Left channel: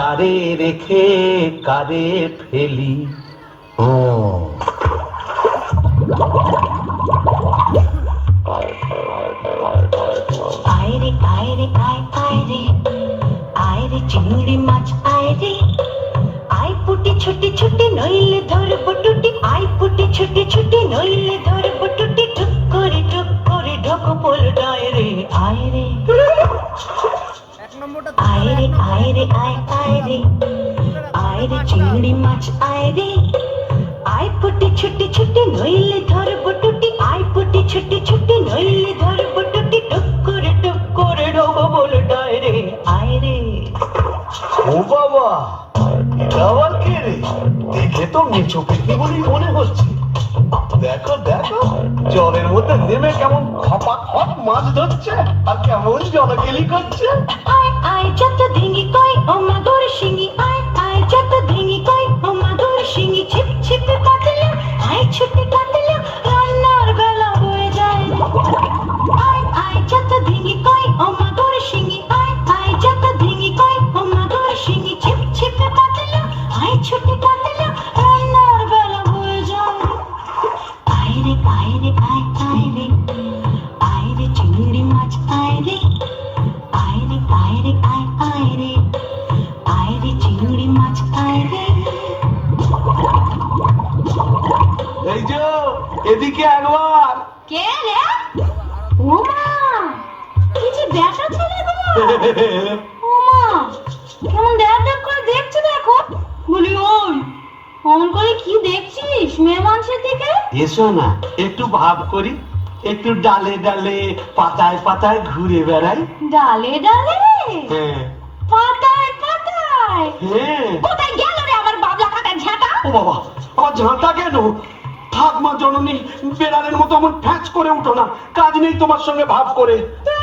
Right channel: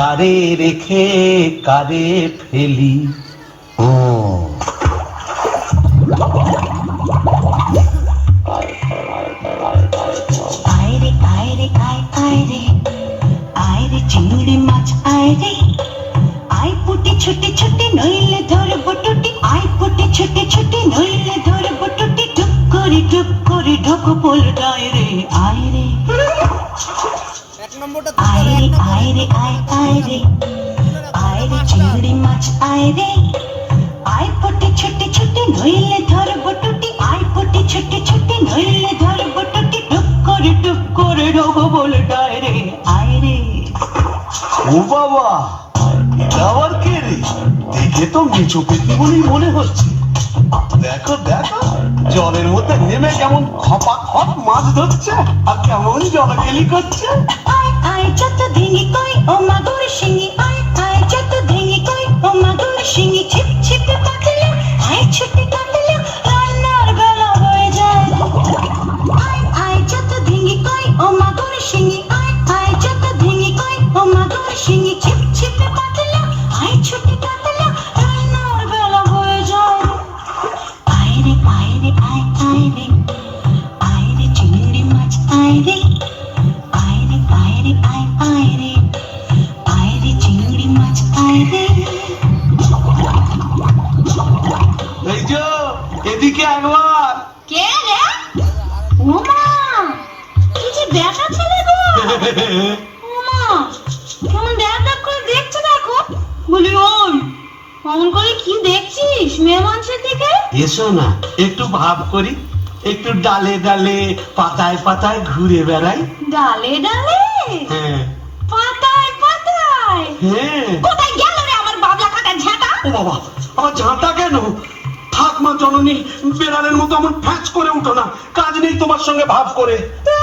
কারে রেখে কারে ফেলি। ও আয়রে আয়রে আয় আয়রে আয়রে চিংড়ি মাছ আয়রে আয় পুটি ছুটি ছুটি নইলে ধরব টুটি আয় পুটি ছুটি ছুটি নইলে ধরব টুটি টুক করে ঢোকো পোলটায় রে আয়রে আয়রে আয়রে আয় আয়রে আয়রে চিংড়ি মাছ আয়রে আয় পুটি ছুটি ছুটি নইলে ধরব টুটি আয় পুটি ছুটি ছুটি নইলে ধরব টুটি টুক করে ঢোকো পোলটায় রে আয়রে। ও বাবা, আবার কে রে? দেখে তো নিচু পেটি বলেই মনে হচ্ছে। দেখো দেখো, জলের মধ্যে নেমে কেমন খপা খপ মাছ ধরছে আর কেমন জলকেলি করছে। আয় আয় যত ডিঙি কই ও মাগুর শিঙি আয় আয় যত ডিঙি কই ও মাগুর শিঙি ছিপ ছিপে পাতলে আয় ছুটে কাটলে রান্নার বেলা হয়ে যায়। আয় আয় যত ডিঙি কই ও মাগুর শিঙি আয় আয় যত ডিঙি কই ও মাগুর শিঙি ছিপ ছিপে পাতলে আয় ছুটে কাটলে রান্নার বেলা হয়ে যায়। আয়রে আয়রে আয় আয়রে আয়রে চিংড়ি মাছ আয়রে আয়রে আয়রে আয় আয়রে আয়রে চিংড়ি মাছ আয়রে। এই যে এদিকে একবার। কে রে? ওমা, কি যে ব্যাটা ছেলে গো। ওমা, কেমন দেখ করে দেখছে দেখো। বলি ওই, অমন করে কি দেখছিস মেয়ে মানুষের দিকে? এসো না, একটু ভাব করি, একটু ডালে ডালে পাতায় পাতায় ঘুরে বেড়াই। ডালে ডালে হ্যাঁ পাতায় পাতায় হ্যাঁ। কোথায় গেল রে আমার বাবলা কাটা ঝাঁটা? ও বাবা, আমার ঝাঁটা কেন? থাক মা জননী, বেড়ালের মতো আমার ফ্যাঁচ করে উঠো না, কাজ নেই তোমার সঙ্গে ভাব করে। তা